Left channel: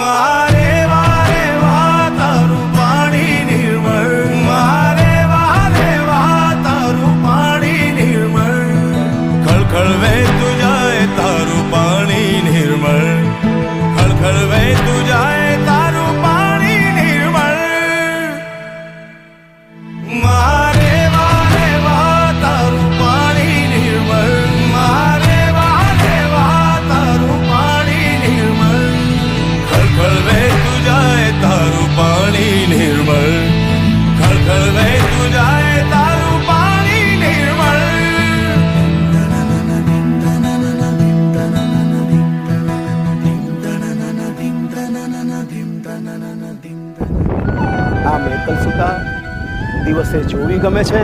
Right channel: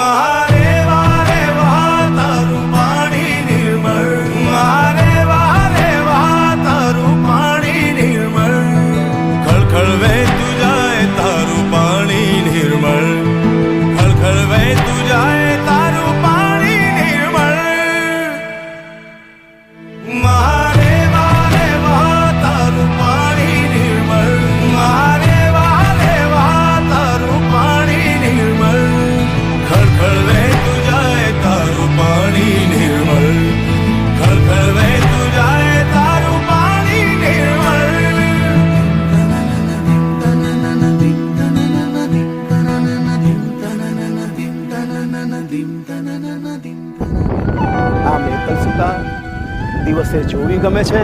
મારે વારે વાહ તારું પાણી નિર્મળ, મારે વારે વાહ તારું પાણી નિર્મળ, ખળખળ વહેતું જાય તારું પાણી નિર્મળ, ખળખળ વહેતું જાય તારું પાણી નિર્મળ. મારે વારે વાહ તારું પાણી નિર્મળ, મારે વારે વાહ તારું પાણી નિર્મળ, ખળખળ વહેતું જાય તારું પાણી નિર્મળ, ખળખળ વહેતું જાય તારું પાણી નિર્મળ. આ મેકલ સુતા દિવસે જોવી ગમે છે,